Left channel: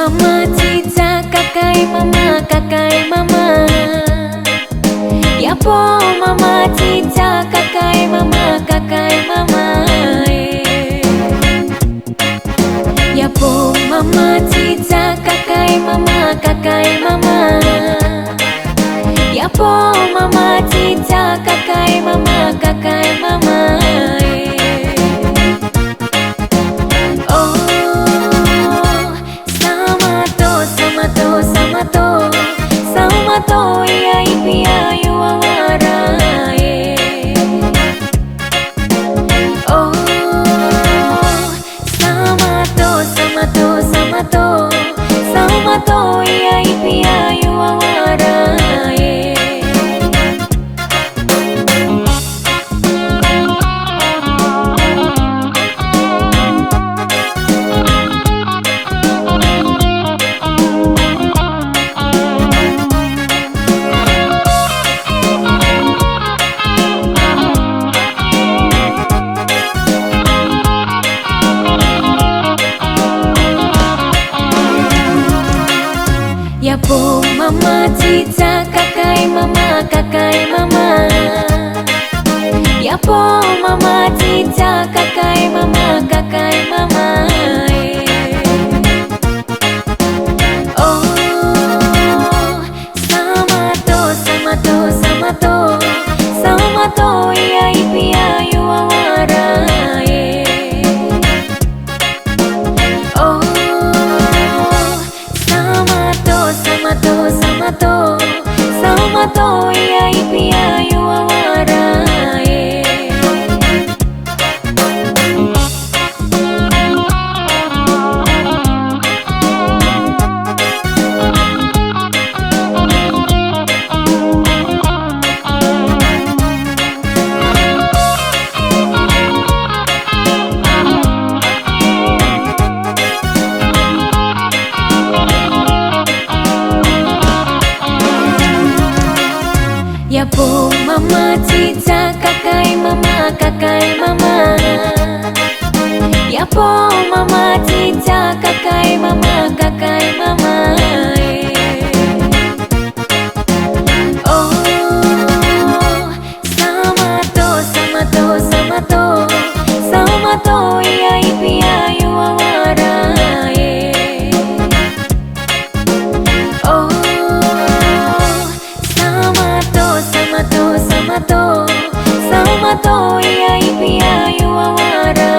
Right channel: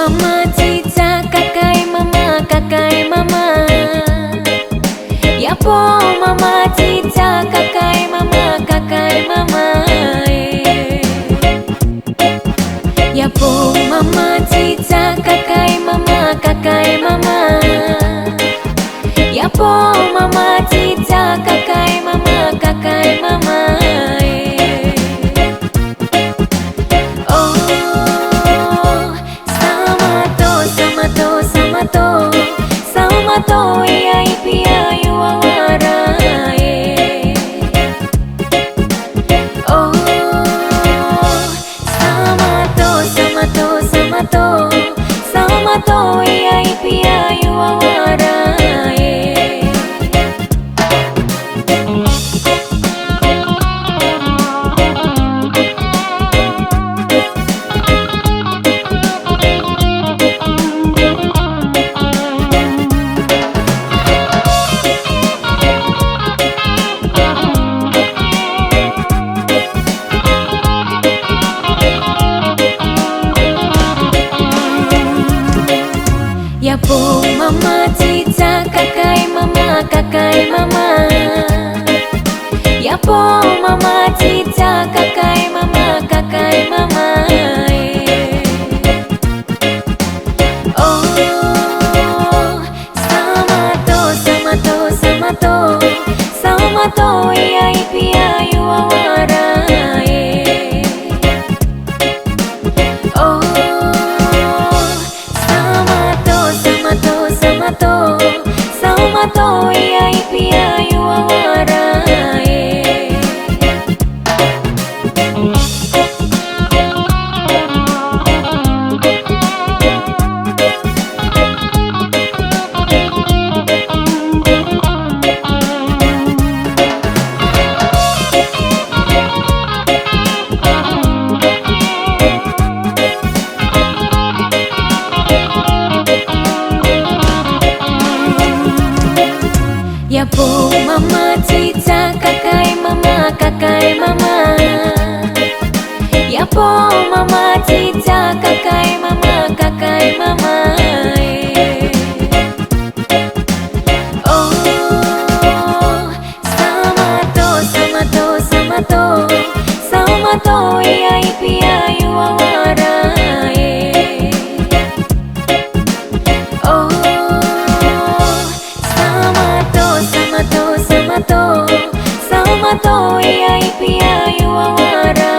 mama cita kakai mama. Yapo mama cita kakai mama Yapo mama cita kakai mama Yapo mama cita kakai mama Oh, Samato iya ipia yuawara Oh, Samato iya ipia yuawara Yapo mama cita kakai mama Yapo mama cita kakai mama Oh, Samato iya ipia yuawara Oh, Samato iya ipia yuawara Yapo mama cita kakai mama Yapo mama cita kakai mama Oh, Samato iya ipia yuawara Oh, Samato iya ipia yuawara